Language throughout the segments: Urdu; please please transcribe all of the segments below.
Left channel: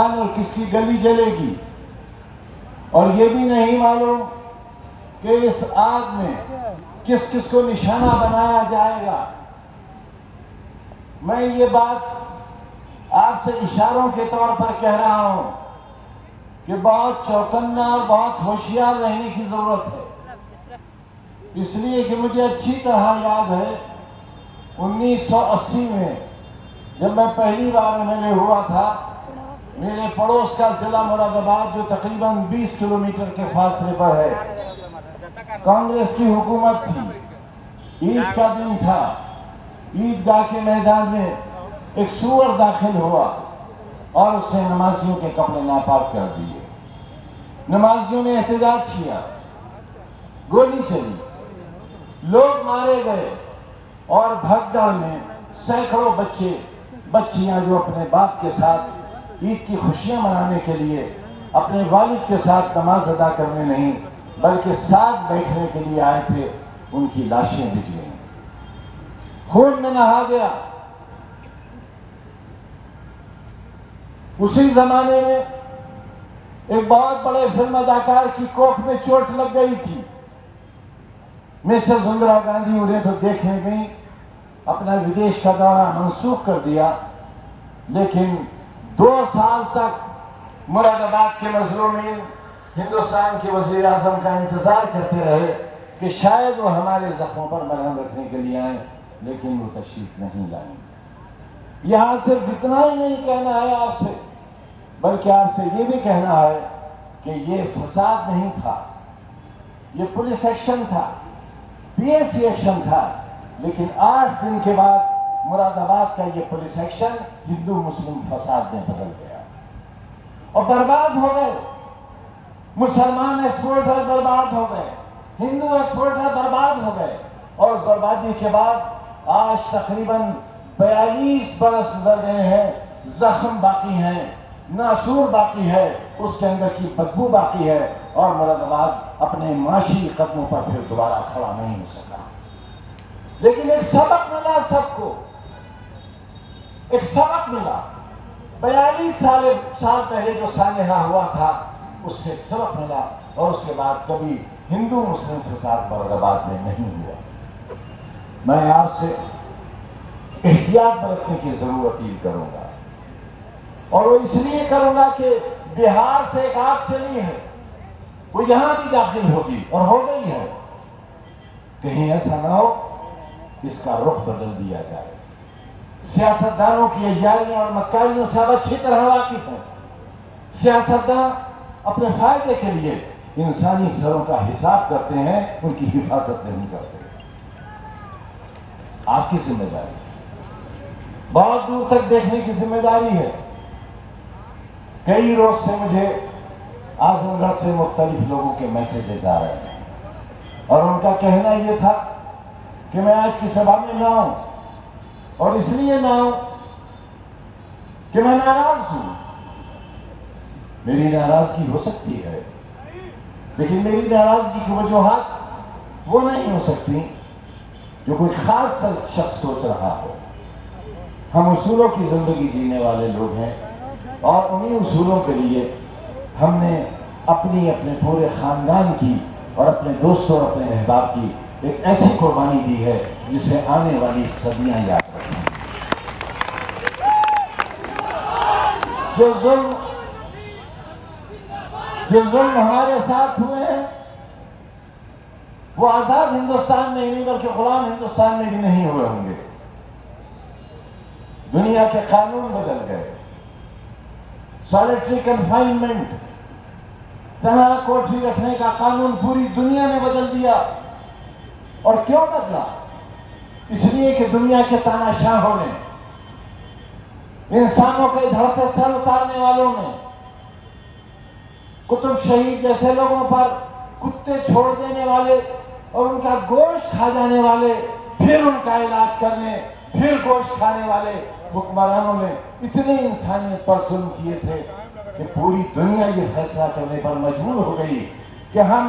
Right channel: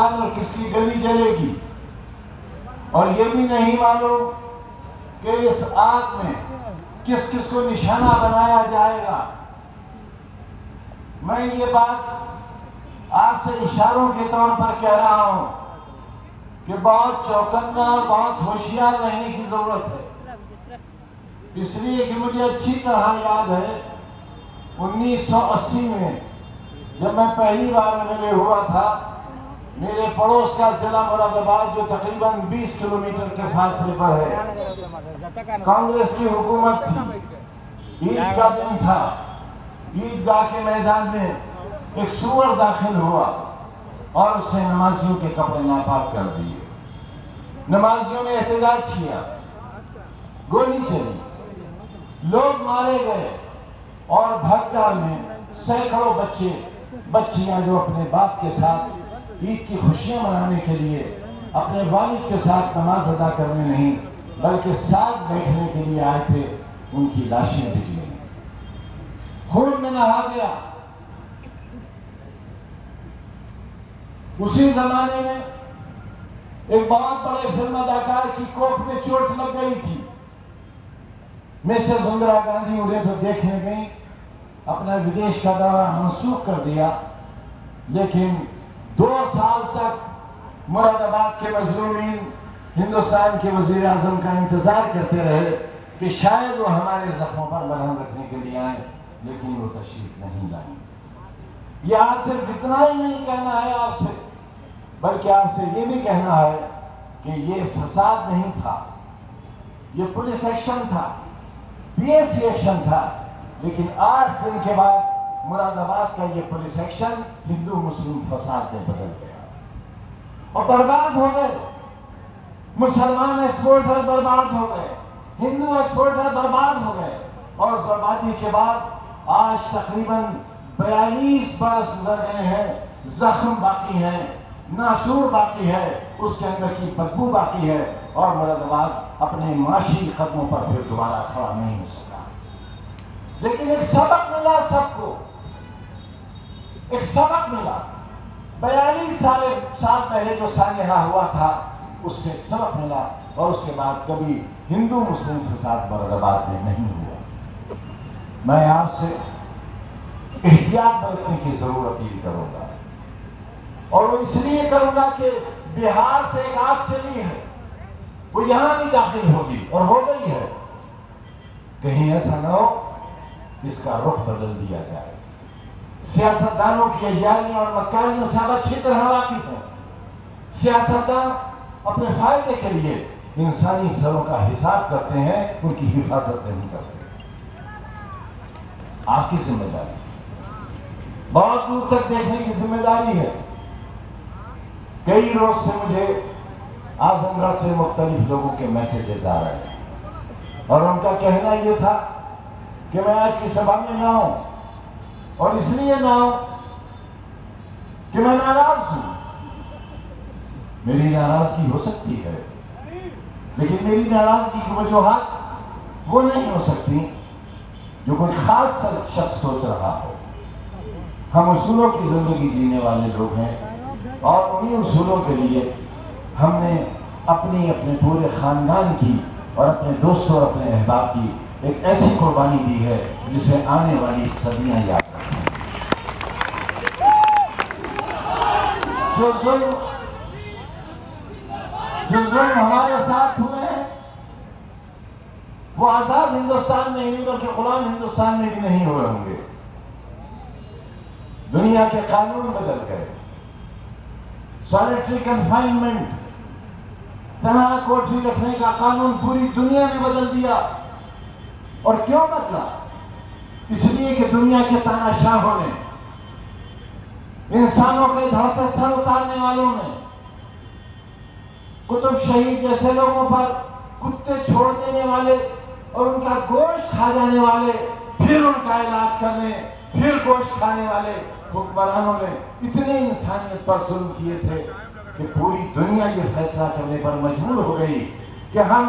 ہندوستان اور کس کی گلی جلے گی، اور یہ بھی نہیں معلوم کہ اس آگ میں کس کس کو نشانہ بنایا جائے گا۔ میں یہ بات آپ سے اشاروں کے طور پر کہہ رہا ہوں کہ بہت چوکنا، بہت ہوشیار رہنے کی ضرورت ہے، اس لیے کہ مجھے اچھی طرح یاد ہے 1980 میں جب میں پہلی بار MLA ہوا تھا، میرے پڑوس کا ضلع مراد آباد جو تقریباً 20 کلومیٹر کے فاصلے پر ہے، کانگریس کی حکومت تھی، عید کا دن تھا، عیدگاہ کے میدان میں ایک سور داخل ہوا اور اس نے نمازیوں کے کپڑے ناپاک کر دیے۔ نمازیوں نے احتجاج کیا، گولی چلی، لوگ مارے گئے، اور بھگدڑ میں سینکڑوں بچے بچیاں جو اپنے باپ کے ساتھ عید کی خوشیاں منانے کے لیے اپنے والد کے ساتھ نماز ادا کرنے نہیں بلکہ ساتھ بیٹھنے کے لیے آئے تھے، ان کی لاشیں بچ گئیں، خون میں نہا گیا۔ اسی زمانے میں ایک بہت بڑے فلم اداکار کی کوکھ میں چوٹ لگ گئی تھی، مسز اندرا گاندھی انہیں تو دیکھنے گئی، اپنا ودیش کا دورہ منسوخ کر دیا، لیکن 2 سال تک مراد آباد کے مظلومین ہندوستان کے وزیر اعظم کا انتظار کرتے رہے کہ شاید وہ ہمارے زخموں پر مرہم رکھنے کے لیے آئیں، لیکن وہ تشریف نہیں لائیں۔ یہاں صرف اتنا ہی نہیں کہنا ہے آپ سے، بلکہ آپ سے یہ بھی کہنا ہے کہ یہ فساد نہیں تھا، یہ پولیس ایکشن تھا، PAC ایکشن تھا، لیکن 8 دن کے بعد مراد آباد کا یہ پولیس ایکشن ہندو مسلم فساد میں بدل گیا اور برباد ہو گئے۔ مسلمان ایکسپورٹر برباد ہو گئے، ہندو ایکسپورٹر برباد ہو گئے، اور اس بربادی کے بعد آج تقریباً 42 برس گزر گئے ہیں، زخم باقی ہیں، ناسور باقی ہے، اس کے اندر کی بدبو باقی ہے، اور مراد آباد اپنے معاشی قدموں پر پھر دوبارہ کھڑا نہیں ہو سکا۔ لیکن ایک سبق ملا سب کو، ایک سبق ملا۔ 42 سال پہلے جو سانحہ ہوا تھا اس سے ایک سبق ملا، اور اس کے بعد کبھی ہندو مسلم فساد مراد آباد میں نہیں ہوا۔ میں آپ سے احتیاط برتنے کی ضرور اپیل کروں گا، اور وہ اس لیے کروں گا کہ بہار سے ایک آگ چلی ہے، وہ یہاں بھی داخل ہوگی اور ہو گئی ہے، کہیں ایسا نہ ہو کہ اس کا رخ بدل دیا جائے۔ سیاستدانوں کی عیاریوں اور مکاریوں سے آپ اچھی طرح واقف ہیں۔ سیاستدان اپنے فائدے کے لیے انسانی سروں کا حساب کرتے ہیں، ان کی حفاظت نہیں کرتے۔ آپ کی ذمہ داری بہت دور تک دیکھنے کی ذمہ داری ہے۔ کئی روز سے مجھے اعظم گڑھ سے مختلف لوگوں کے میسیجز آ رہے ہیں، اور ان کا کہنا یہ تھا کہ میں آج کی سبھا میں نہ ہوں، اور اس لیے نہ ہوں کہ میں ناراض ہوں۔ میری ناراضگی ہو سکتی ہے، لیکن میری ناراضگی کی وجوہات وہ نہیں ہو سکتی جو کوئی خاص شخص سوچ رہا ہو۔ ہم اصولوں کی زندگی جینے والے لوگ ہیں، اور انہی اصولوں کے لیے ہم نے اپنے پورے خاندان کی اور اپنے دوستوں اور اپنے احباب کی ایک ایسی قربانی دی ہے جسے آنے والی صدیاں یاد رکھیں۔ جو ظلم ہمارے ساتھ ہوئے ہیں وہ آزاد ہندوستان میں ہی نہیں بلکہ غلام ہندوستان میں بھی نہیں ہوئے ہوں گے۔ دنیا کے قانون بدل گئے، سالیٹری کنفائنمنٹ، تنہا کوٹھی رکھنے کا قانون پوری دنیا نے بدل دیا۔ اور کیوں بدلا؟ اس لیے کہ دنیا کے تاناشاہوں نے، انسانوں کے دھڑ سے سر اتارنے والوں نے، قطب شہید جیسے لوگوں پر کتے چھوڑ دینے والے اور ان کا گوشت کھا جانے والے، پھر ان کا علاج کرنے، پھر گوشت کھانے والے حکمرانوں نے اتنے انسانیت پر ظلم کیے تھے کہ پوری دنیا یہ فیصلہ کرنے پر مجبور ہو گئی کہ ہم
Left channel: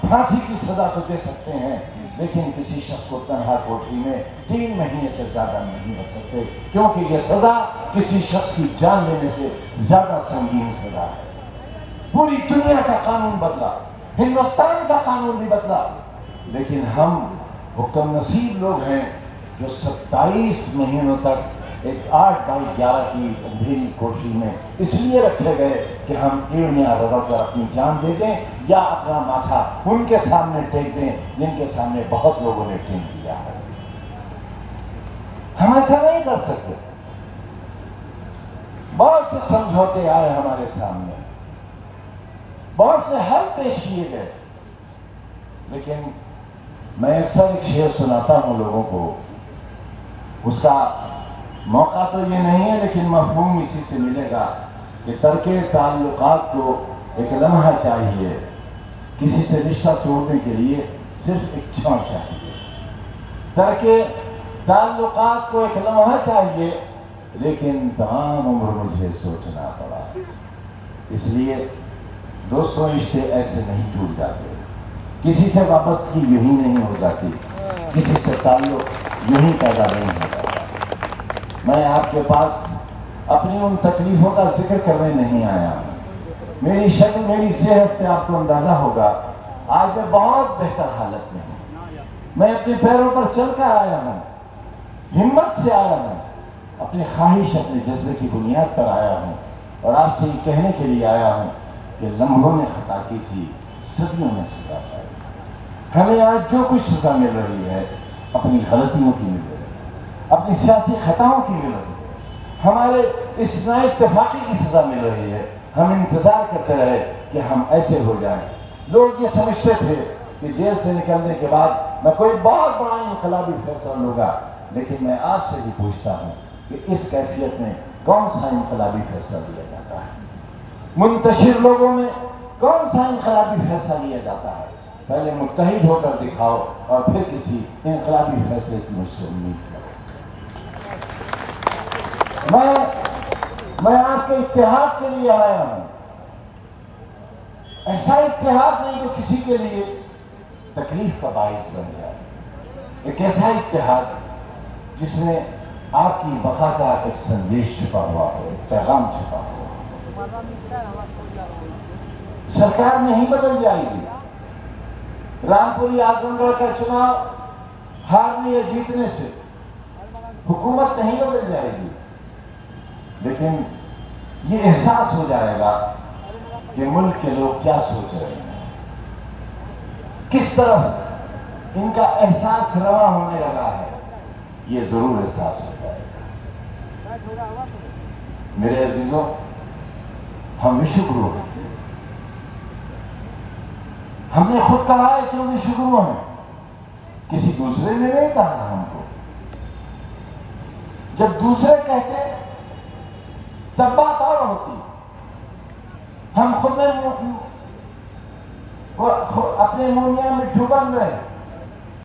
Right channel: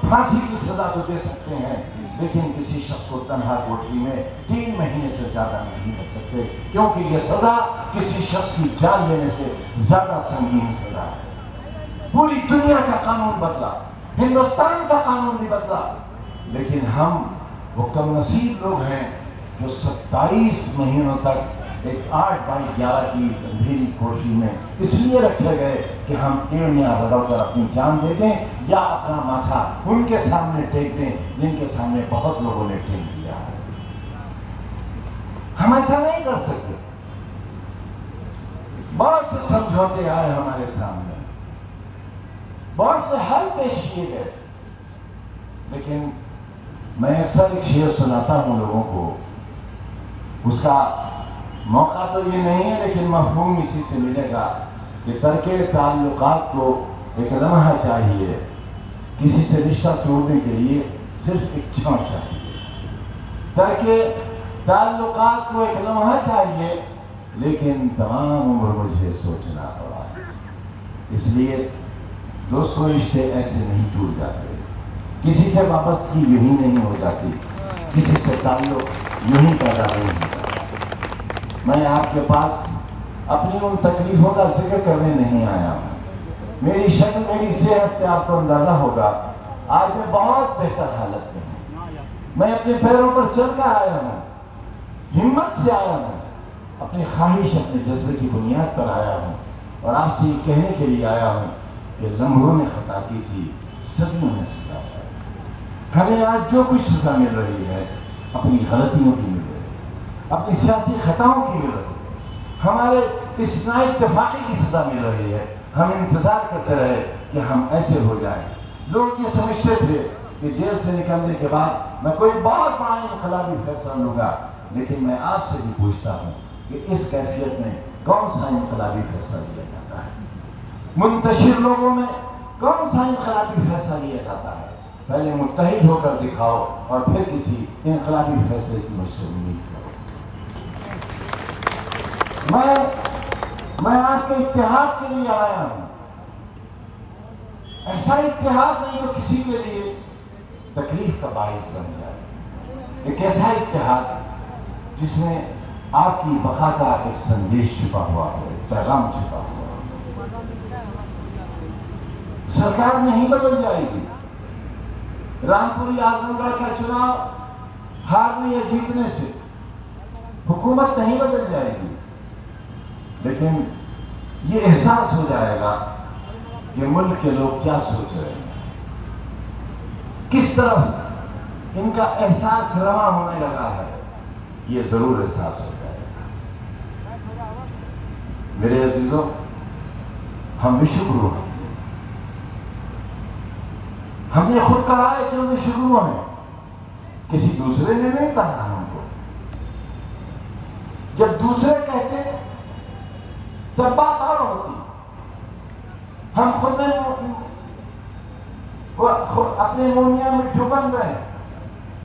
پھانسی کی سزا تو دے سکتے ہیں، لیکن کسی شخص کو تنہا کوٹری میں 3 مہینے سے زیادہ نہیں رکھ سکتے، کیونکہ یہ سزا کسی شخص کی جان لینے سے زیادہ سنگین سزا ہے۔ پوری دنیا کا قانون بدلا، ہندوستان کا قانون بھی بدلا، لیکن ہم وہ کم نصیب لوگ ہیں جو 27 مہینوں تک ایک 8x11 کی اندھیری کوٹری میں اس لیے رکھے گئے کہ ہم ایڑیاں رگڑ کر اپنی جان دے دیں یا اپنا ماتھا ان کے سامنے ٹیک دیں جن کے سامنے بہت لوگوں نے ٹیک دیا ہے۔ ہم ایسا نہیں کر سکتے۔ بہت سے سمجھوتے آئے ہمارے سامنے، بہت سے حل پیش کیے گئے، لیکن میں اکثر ایک شعر سناتا ہوں لوگوں کو، اس کا موقع تو یہ نہیں ہے لیکن مفہوم اسی سے ملے گا کہ ترک تعلقات کو ایک لمحہ چاہیے، کسی سے رشتہ توڑنے کے لیے صرف ایک چھاؤں چاہیے۔ ترک تعلقات کو ایک لمحہ چاہیے، لیکن تمام عمر مجھے سوچنا پڑا۔ اس لیے دوستوں، رشتے ایسے نہیں ٹوٹ جاتے، کسی سے وابستگی یوں ہی نہیں ہو جاتی، کسی سے تعلق یوں ہی پیدا نہیں ہوتا۔ میں آپ کے پاس اپنی ان تکلیفوں کا ذکر کرنے نہیں آیا ہوں۔ میری شکل، میری صحت سے آپ کو اندازہ ہوگا آج میں بہت بہتر حالت میں ہوں۔ میں اپنے پیروں پر چل کر آیا ہوں، ہمت سے آیا ہوں، اپنی خواہش، اپنے جذبے کی بنیاد پر آیا ہوں، اور آپ سے یہ کہنے کے لیے آیا ہوں کہ لمحوں نے خطا کی تھی، صدیوں نے سزا پائی۔ ہمیں آج جو کچھ سزا مل رہی ہے اپنی غلطیوں کی مل رہی ہے، اپنی سیاسی خطاؤں کی مل رہی ہے، ہمارے اس نااتفاقی کی سزا مل رہی ہے۔ ہم انتظار کرتے رہے کہ ہم ایسے ہو جائیں۔ لوگ یہ سمجھتے تھے کہ جیل سے نکلنے کے بعد میں کوئی بہت بڑا انقلابی فیصلہ لوں گا، لیکن میں آپ سے بھی پوچھتا ہوں کہ اس کیفیت میں کون سا انقلابی فیصلہ لیا جاتا ہے؟ منتشر لوگوں میں کون سا انقلابی فیصلہ لیا جاتا ہے؟ پہلے متحد ہو کر دکھاؤ اور پھر کسی انقلابی فیصلے کی مجھ سے امید کرو۔ میں آپ کے اتحاد کے لیے آیا ہوں، ایسا اتحاد نہیں جو کسی کے لیے تکلیف کا باعث بن جائے، ایک ایسا اتحاد جس میں آپ کی بقا کا ایک سندیش چھپا ہوا ہے، ایک پیغام چھپا ہوا ہے۔ سرکار نہیں بدل جائے گی، رامپوری اعظم گڑھ کا چناؤ ہارنے یا جیتنے سے حکومت نہیں بدل جائے گی، لیکن یہ احساس ہو جائے گا کہ ملک کے لوگ کیا سوچ رہے ہیں، کس طرف ان کا احساس رواں ہونے لگا ہے، یہ ضرور احساس ہو جائے گا۔ میرے عزیزوں، ہم بھی شکرو ہیں، ہم نے خود کہا ہے کہ ہم بھی شکرو ہیں، کسی دوسرے نے نہیں کہا ہم کو۔ جب دوسرے کہتے تب بات اور ہوتی، ہم خود میں اپنے مونیا میں ڈوبن رہے۔